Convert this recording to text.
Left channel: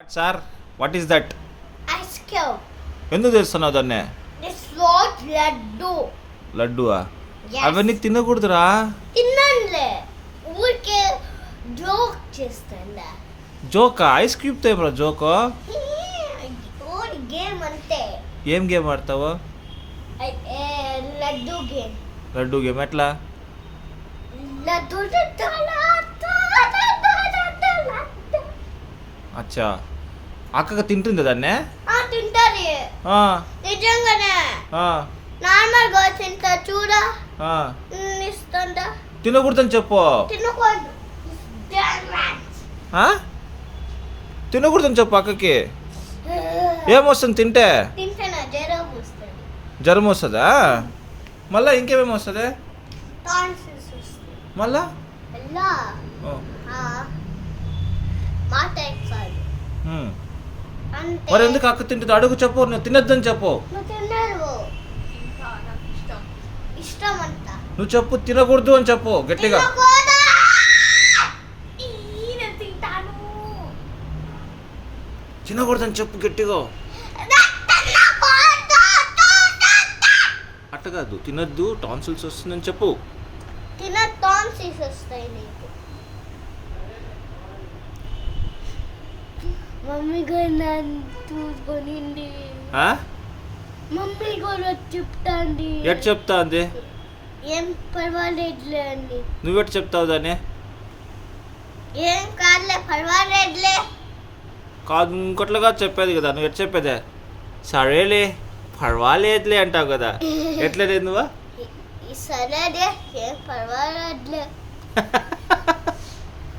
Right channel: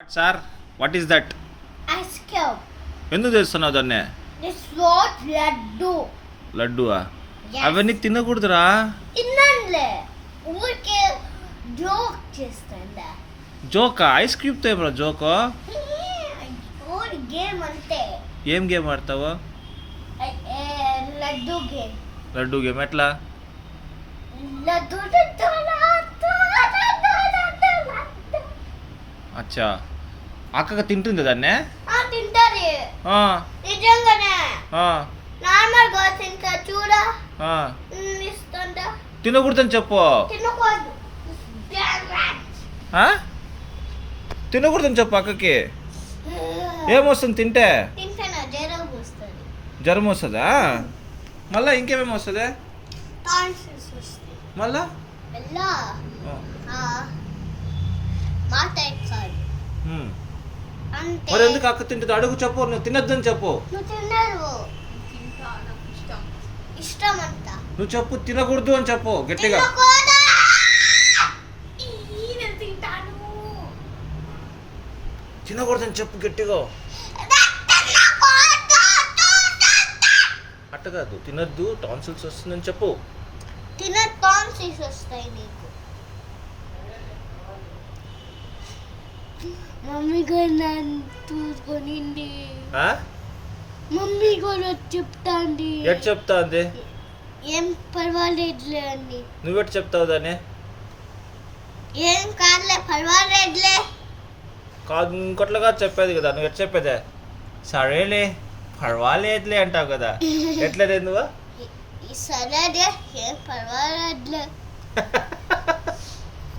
Sir what is that? Ice cream. ఎందుకు చేస్తున్నావు దాన్ని? This was laddu. లడ్డువా? Yes. అవన్నీ తినకూడదురా. తినంలే ఊరికే జోక్ చేస్తుందా? జోకా? ఐస్ క్రీమ్తో ఏమరా జోకో? ఊరి గేమ్ అంతే. ఏం గేమ్ ఆడతావు? లడ్డు గేమ్. లడ్డు గేమ్ ఎట్లా? లడ్డు అచ్చా, అక్కగా తింటుంది దాన్నే? తింటారు ఆ, నిజంగానే. ఆ, నార్మల్ గా తింటా చూడా ఆ. ఇస్తుందా? తినకూడదని చెప్పు. తినకూడదు. ఆ? తినకూడదని చెప్పు అక్కకి. ఏమొస్తుంది తింటే? తింటానా జ్వరం వస్తుంది. జ్వరం వస్తుందా? మళ్ళా ఇంకేమేమి వస్తుంది? టాన్సిల్స్ వస్తుంది. మళ్ళా ఎలా మాట ఎక్కాలి ఉమ్. అంతే. మరి ఎందుకు అక్క తింటుంది? అడుగు చెప్పు. నువ్వు తినొద్దని చెప్పు. నువ్వు తినరు. ఇష్టం అంట. నువ్వు చెప్పు, తినకూడదు అని చెప్పు గట్టిగా. తినకూడదు. నేను తింటాను. తినకూడదని చెప్పు గట్టిగా. అట్ట కాదు, తినొద్దు, టాన్సిల్స్ వస్తుందని చెప్పు. తిన టాన్సిల్స్ వస్తాయి నీకు. మమ్మీ కూడా నన్ను చూసుకొనింది. ఆ? మమ్మీ కూడా చెప్తాంది. ఎట్ చెప్తా అంది? ఏం పర్వాలేదులే అండి. నువ్వెట్ చెప్తావు దాన్ని? ఏం కాదులే పర్వాలేదులే. కాదు, ఇంకోట్లుగా చెప్పేది కదా. నువ్వు ఎట్ చెప్పేదే? సరేలే పర్వాలేదులే అంటావు కదా. ఎట్లలేదు నువ్వు? సరేలే ఏం పర్వాలేదులే.